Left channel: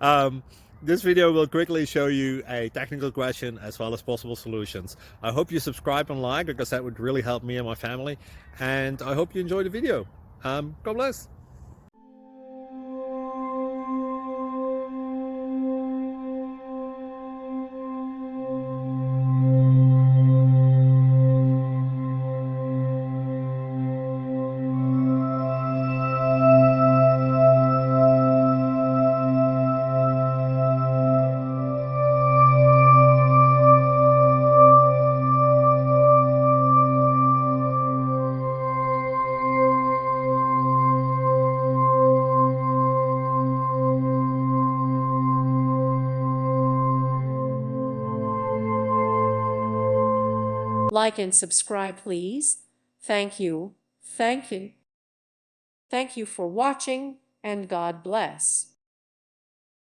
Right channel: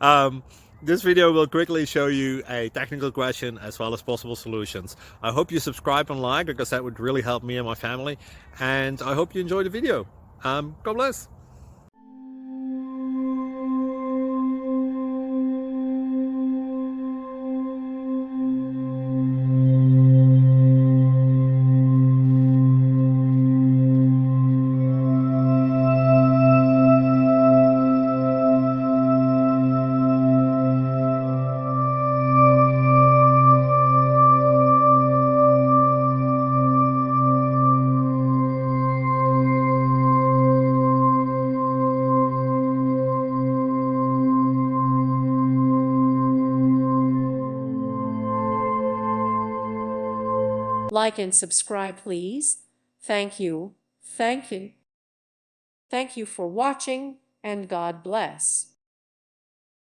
um, this video will quickly show you a technical question as well as possible solutions. I hope you subscribe and like, because that would really help me and my family. And I hope you enjoy the video. God bless. Like and subscribe, please. Thank you. Thank you. Thank you for watching, and God bless.